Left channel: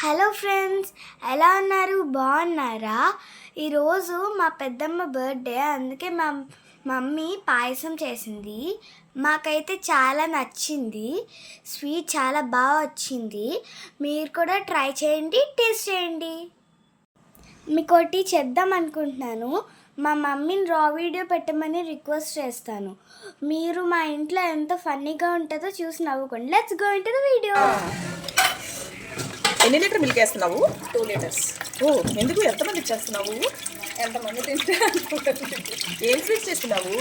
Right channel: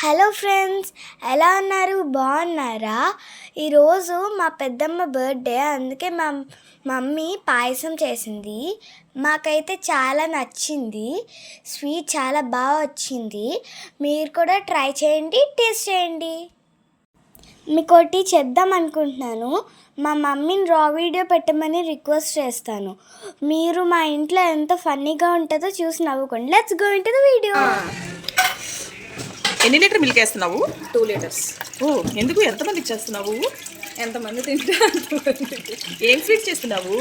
Hello friends, ఎలా ఉన్నారు? బాగున్నారా? ఈరోజు మా పెద్దమ్మ బర్త్డే, అందుకే మా మమ్మీ పాయసం చేసింది. మాకైతే చాలా నచ్చింది. స్వీట్ చాలా బాగా వచ్చింది. మీరు కూడా ట్రై చేయండి, టేస్ట్ చేయండి. మీకు ఒకటి చేద్దాం అనుకుంటున్నాను. మా మమ్మీని రా వీడియో పెట్టమని రిక్వెస్ట్ చేస్తాను. మీరు మా ఇంట్లో ఎంత ఫన్నీగా ఉంటుందో చూసి నవ్వుకోండి. Let's go into the video. ఎన్ని లీటర్ మిల్క్ వేస్తున్నావు? 2 లీటర్స్. ఓ, ఎందుకు ఎంతమంది చేస్తున్నావు? ఎంతమంది తింటే ఏం స్వీట్స్ చేస్తున్నావు?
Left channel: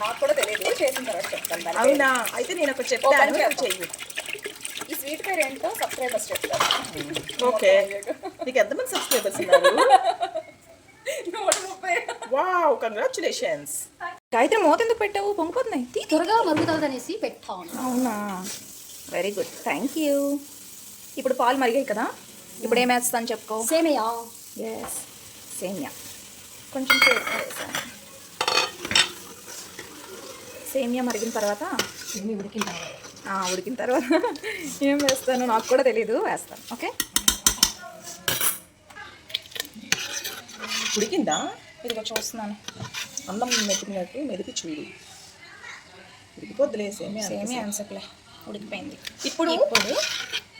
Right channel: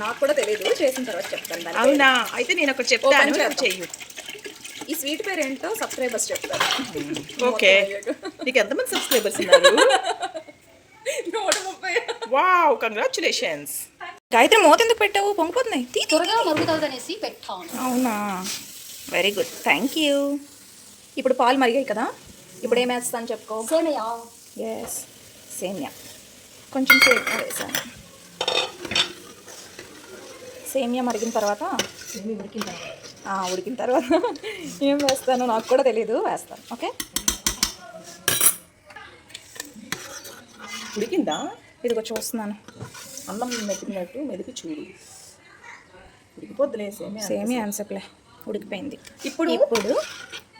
నాకు కూడా తెలియదు, చేసిన తర్వాత చెప్తాను. అవునా? అయితే నేను ఒకటి చెప్తాను, చెయ్యి. ఈ స్వీట్ పేరు ఏంటో సబ్స్క్రైబర్స్ చెప్తారు. ఓకే, నీకు ఎంతమంది సబ్స్క్రైబర్స్ ఉన్నారు? 130. Wow, congratulations. గాయత్రి, మూత ఎందుకు పెట్టావు? పొంగిపోతున్నాయి. త్వరగా మరుగుతుంది అనేసి పెట్టాను. అవునా, వెరీ గుడ్, థ్యాంక్ యూ. ఇప్పుడు పాలు మరిగాయి కదా, ఇప్పుడు ఏం వేస్తాను చెప్పుకో. సేమియా. ఎస్, సేమియా కొంచెం సేపు వేసాను. సేమియా మరిగిన తర్వాత ఉడికిన తర్వాత ఏం వేస్తాను నాకు కూడా తెలీదు, వేస్తాను. ఓకే, ఉడికిందా? ఇదిగో చూస్తున్నాను. అన్నం మెతికినట్టు మెదికి చూడు. ఉడికిపోద్దులే, సేమియా అన్సప్లే, ఉడికిపోయింది. ఇప్పుడు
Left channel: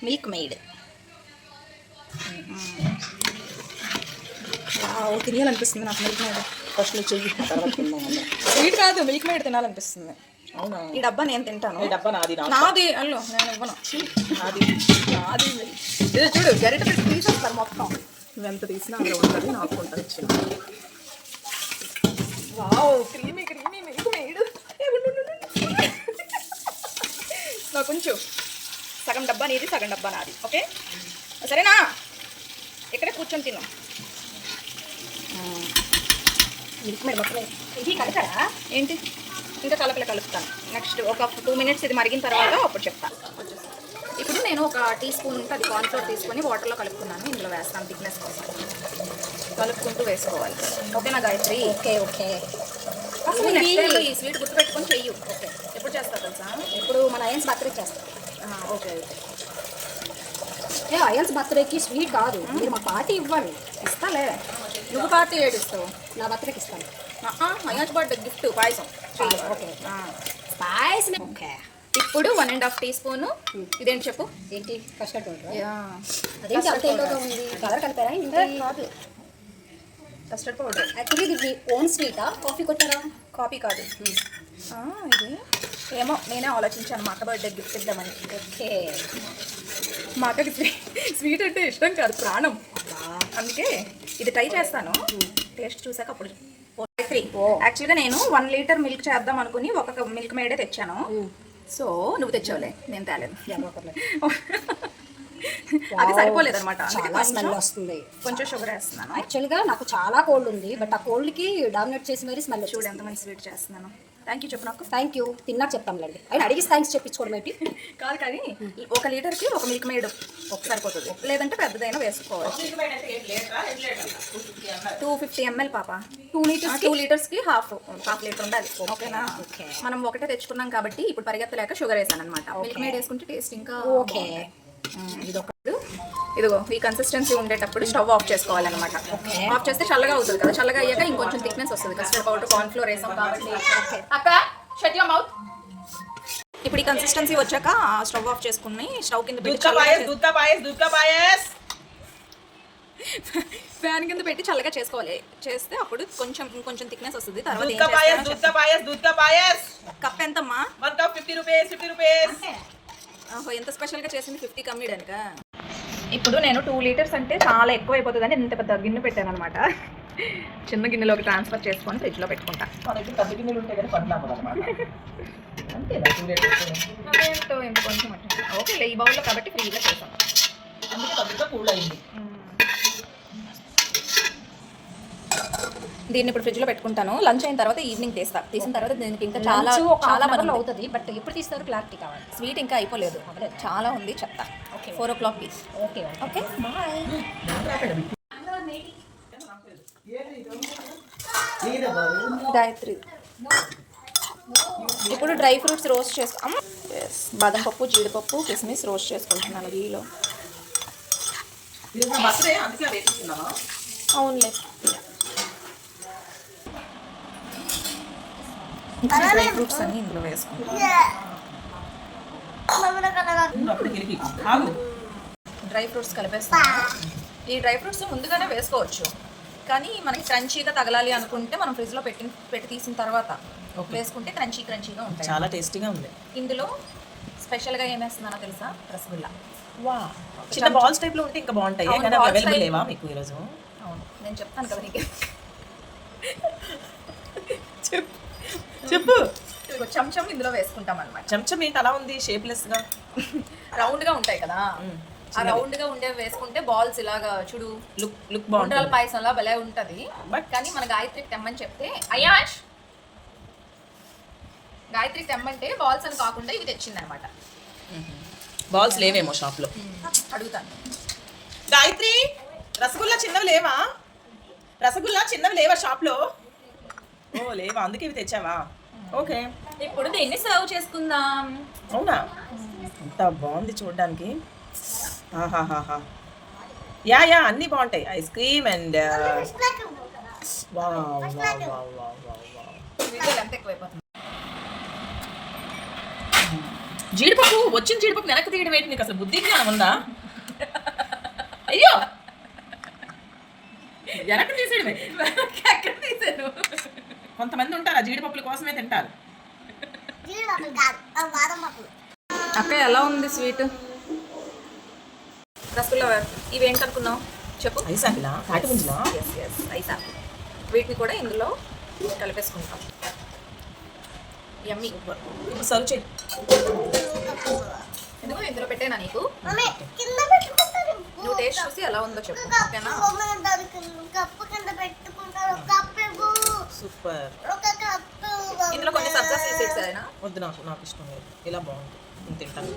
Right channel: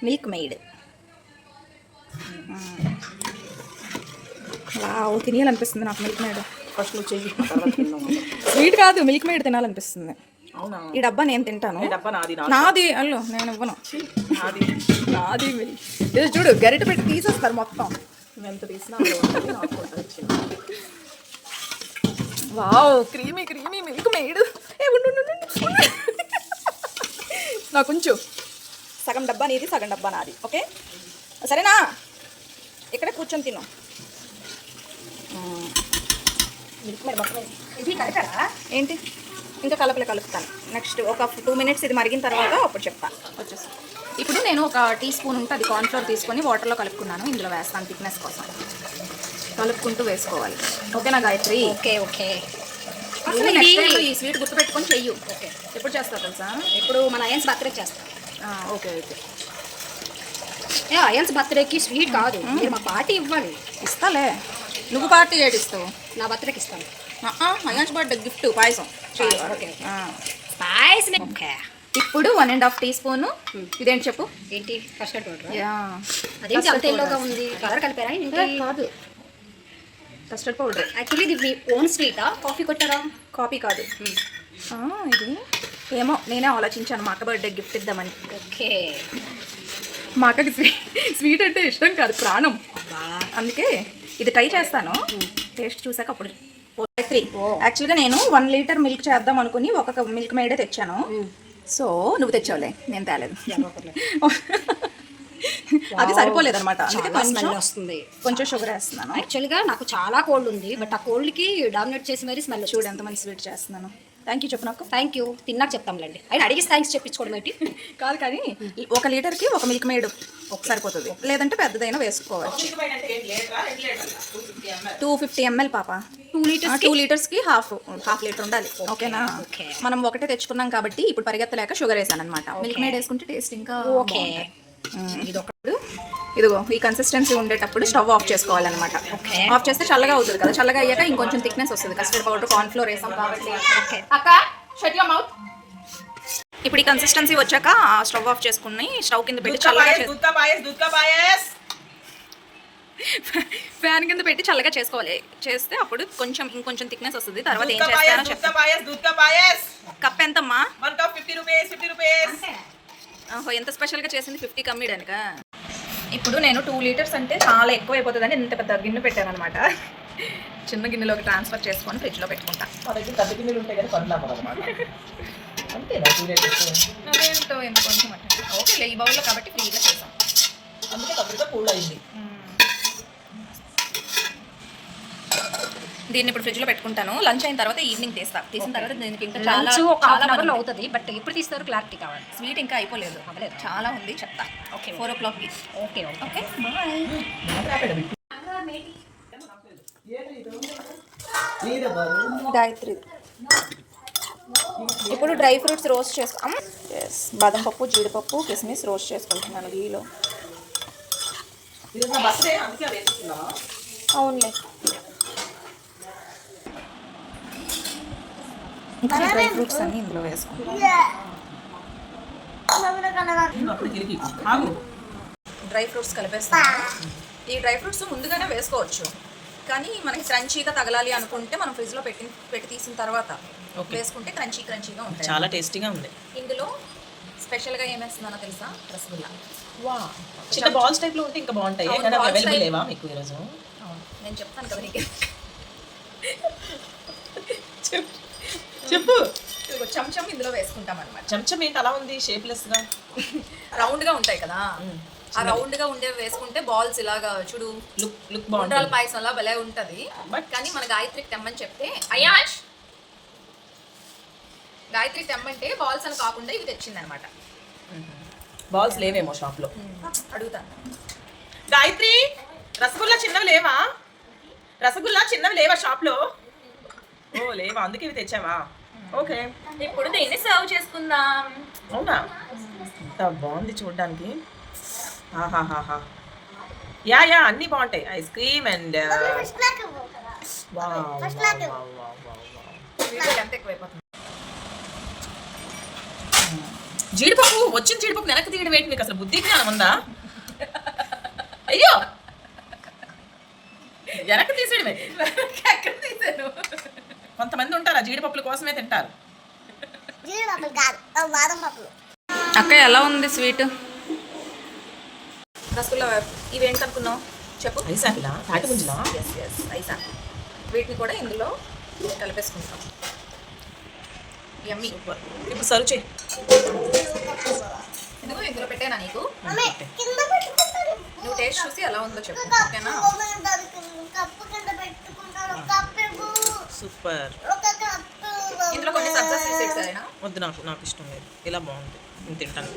మిల్క్ మెయిడ్. తినాలనిపిస్తుంది నాకు మిల్క్ మేడ్. ఫస్ట్ నువ్వు చెయ్యి, తర్వాత స్వీట్ కాదు, మిల్క్ మేడ్ తినాలనిపిస్తుంది. అవునా? ఈ డబ్బా నేను తింటాను. ఈ డబ్బా నాది. నాది అల్లు నేను ఇవ్వను. నాది ఇది చూడు, గరిట పెట్టి తీసేస్తారు మొత్తం. ఎంత తీసినా అందులో ఉంటుంది, నాకు ఉంటుంది ఇచ్చిన. Wow, creamy milk made. నాకు కొంచెం సగం డబ్బా నీది, సగం డబ్బా నాది. ఓకే, సరేనా? ఇక్కడే కూర్చొని తిను. మిల్క్ మేడ్ మొత్తం ఇది కలకరా ఏంటి? ఇంకా కలుపుతాను. నెక్స్ట్ ఒక 2 మినిట్స్ ఇది మరిగిన తర్వాత అప్పుడు చెప్తాను. ఇప్పుడు నేను ఒక టీ స్పూన్ ఉంటే అది కార్న్ఫ్లోర్ తీసుకొని వాటర్లో కలుపుకున్నాను. ఇందులో వేస్తాను థిక్నెస్ కోసం. కలుపుకుంటూ వేసుకోవాలి. ఓకేనా గాయత్రి? ఓకే. అసలు ఈ స్వీట్ గుర్తుపెట్టుకొని చెయ్యు. ఓకే. ఎప్పుడు చేస్తావు తెలుసా? ఇప్పుడు మన అయన్స్ బర్త్డే చేస్తాం. ఓకే, అయితే అయన్స్ బర్త్డేకి స్వీట్ కాదు, మీరు మా పార్టీ ఇవ్వాలి. ఇస్తాలే. నువ్వు పార్టీ ఏడిస్తావు? నా బర్త్డేకి ఇస్తాను. మహేష్ బర్త్డే గిఫ్ట్ పాయసం. ఓకే. పాయసం. ఓకే. ఇప్పుడు 1.5 టీ స్పూన్. ఇదేంటి చెప్పు? ఏంటి? Custard powder. అదేంటి అంత ఎల్లోగా ఉంది? కలర్ కలిపారా? ఏంటి? కాదు, కస్టర్డ్ పౌడర్. యాక్చువల్లీ ఇది మీ ఓన్ స్వీటా? కాఫీ కొట్టారా? కాఫీ కాదు. ఇది ఏమో నేనే ఆలోచించాను మా అక్క బర్త్డే గిఫ్ట్ ఇద్దామని. ఓకే. మా అక్కకి స్వీట్ అంటే ఇష్టం కాదు, ప్రాణం. అందుకే ఇది ట్రై చేస్తాను. టేస్ట్ చూసాక అప్పుడు. యాక్చువల్గా నేను 1 లీటర్ మిల్క్ చేద్దాం అనుకుని ఒక మిల్క్ మేడే తెచ్చాను. సో నువ్వు తెచ్చావులే, నేను తేలేదు. అది సరిపోలేదు అనమాట. స్మెల్ వస్తుంది. కొంచెం షుగర్ వేస్తున్నాను. యాక్చువల్గా నాకు చాలా కోల్డ్ ఉంది, బట్ ఆ కోల్డ్కి డామినేట్ చేసి మరీ స్మెల్. చూడు ఎంత మంచి స్వీట్ చేస్తున్నాను. థ్యాంక్ యూ చెప్పు నాకు. థ్యాంక్ యూ, తిన్నాక చెప్తాంలేండి. అయినా అడిగి థ్యాంక్స్ చెప్పించుకోవడం ఏంటి? కాదు, కానీ 1 లీటర్కి ఒక మిల్క్ మేడ్ సరిపోతుంది. లేదంటే పెద్దదైనా వేసుకోవచ్చు. 250 ml పాప. 2 లీటర్స్కి హాఫ్ లీటర్ ఉండాలి. ఓకేనా? మనం ఒకటే తెచ్చుకున్నాం కాబట్టి ఇప్పుడు పరిగెత్తలేక షుగర్ వేసాను అనమాట. మిల్క్ మేడ్ వేసుకుంటే టేస్ట్ ఇంకా. ఓకే. ఇదిగో ఈ కన్సిస్టెన్సీ ఉండేటప్పుడు స్టవ్ ఆఫ్ చేసుకోవాలన్నమాట. ఆఫ్ చేస్తే చల్లగా అవుతుంది కదా, చల్లగా అయ్యాక ఇంకొంచెం థిక్నెస్ వస్తుంది. కస్టర్డ్ పౌడర్, కార్న్ఫ్లోర్ వేసాం కాబట్టి. ఇప్పుడు ఈ కన్సిస్టెన్సీ వచ్చాక స్టవ్ ఆఫ్ చేసుకుని స్టవ్ కింద పెట్టి చల్లగా ఫ్యాన్ కింద పెట్టి చల్లగా చేసుకోవాలి. చేస్తే అప్పుడు ఇంకొంచెం థిక్నెస్ వస్తుంది. తర్వాత ఏం చేస్తానో కప్ ఎంతమ్మా? 50 రూపీస్. ఎంత స్పెషల్గా చేసింది 50 కమ్మీడనుక. ఇప్పుడు నేను 2 లీటర్స్ అంటే చాలా ఎక్కువ అయిపోతుందని ఇంత పెద్ద గిన్నె పెట్టాను అనమాట. చిన్న గిన్నెలోకి ట్రాన్స్ఫర్ చేసుకొని ఫ్రిడ్జ్లో పెట్టుకుంటా. పెద్ద గిన్నెలు ఉంటాయి కదా, ఏంటో ఎంత కొంచెం అంటే ఓకే, ఈ బౌల్లో కాబట్టి ఫ్రీగా చేసాం. అందుకే పెద్దగా కూల్ అయింది. దీన్ని ఇప్పుడు ఫ్రిడ్జ్లో పెట్టుకుంటాను. లంచ్ అయిన తర్వాత ఈవినింగ్ తీసిన తర్వాత దీనికి ఇంకా చాలా అవుతుంది. బట్ ఎప్పుడు తీస్తారు? క్లారిటీ కావాలి. స్వీట్ ఇంకా అయిపోలేదు, చాలా ఉంది, చెప్తా. ఓకే, 4 o'clockకి. Okay okay, bye. గాయత్రి, ఇప్పుడు డ్రై ఫ్రూట్స్ రోస్ట్ చేస్తాం. బాదం పప్పు, జీడిపప్పు, కిస్మిస్ రోస్ట్ చేసుకుంటున్నాను గీలో. ఇది నా బర్త్డే అందుకే అవి వేసుకున్నావా? అవునులే. ఇప్పుడు డ్రై ఫ్రూట్స్ అన్ని ఇందులో వేసుకుంటాం. నేను అప్పుడు గెలిపి ఆగు. డ్రై ఫ్రూట్స్ కలిపేస్తాను. ఈ డ్రై ఫ్రూట్స్ ముందుగానే వేసుకోవచ్చు, కానీ మనకి క్రంచీగా తగలాలి అనుకుంటే మనం ఫ్రిడ్జ్లో పెట్టి తీసిన తర్వాత వేసుకుంటే క్రంచీగా ఉంటాయి. చాలా టేస్టీగా ఉంది. ఇందులో స్పెషల్గా ఏం వేస్తున్నానో తెలుసా? రసగుల్లా. వా, చిన్న బాల్స్ టైప్ లో ఉంటే ఇంకా బాగుంటాయి. అవును, కానీ balls అవైలబుల్ type. లేవా మీకు ఈరోజు? అవును, నేను చెప్తాను కదా నీకు. చెప్పు. ఇదిగో చెంచం ఇందులో వేసుకుంటాం అనమాట. చెంచం ఏంటి అలా ఉంది షేప్లెస్ గా? రౌండ్గా ఉంటాయి కదా, ఆ రౌండ్గా ఉండేవి వేసుకుంటే బాల్స్ ఇలాగా చూడు లుక్ ఉండ్రాల బాగుంటుంది. పాయసంలా భలే ఉంటుంది. కానీ మన గాయత్రికి తెమ్మని చెప్తే, అయాష్ గాయత్రికి తెమ్మంటే బాల్స్ అని కాకుండా ఇవి తెచ్చిందనమాట. బాల్స్ లేవేమో షాప్ లో. అడుగుతాను. గాయత్రి, రసగుల్లా చిన్నవి లేవా? రసగుల్లా చిన్నవి లేవా షాప్ లో? ఓ లేవా, అందుకే ఇవి తెచ్చావా? ఓకే. ఇప్పుడు దీన్ని సర్వ్ చేసుకుందాం. అవునా, ఎంత బాగుంది చూడడానికి. ఆహాహాహా. యా యా, అన్నీ బాగుంటాయి. ఐస్ క్రీమ్ అండ్ వీడియోలు ఎంత ఎక్కువైపోతుంది. జీడిపప్పు, వచ్చిన జీడిపప్పు వెనక్కి తీయడం ఏంటి? మీకు అసలు బుద్ధి జ్ఞానం ఉందా? అయ్యో, వెనక్కి తీసేయడమే. ఎక్కడ తీసాను? కొంతమంది ఉంటారు ఆ జీడిపప్పుల కోసమే తింటారు. అక్క ఎలా ఉంది స్వీట్? రసగుల్లా ఇవేంటి అనుకున్నావు చెప్పు. ఐస్ ఆపిలా, తాటి ముంజలా? Ice apple. వీటిని కూడా ఇందులో కలిపేసుకుంటాం. యమ్మీ. ఇప్పుడు సర్వ్ చేయి. ఎందుకు ఇందులో పెట్టేనా నీకు? నువ్వు టేస్ట్ చూసి ఎలా ఉందో చెప్పు, ఓకేనా? సూపర్. ఇందులో కొన్ని సబ్జా సీడ్స్ అయినా వద్దు, నాకు ఇష్టం లేదు. ఇలా బాగుంది, నేను తింటాను.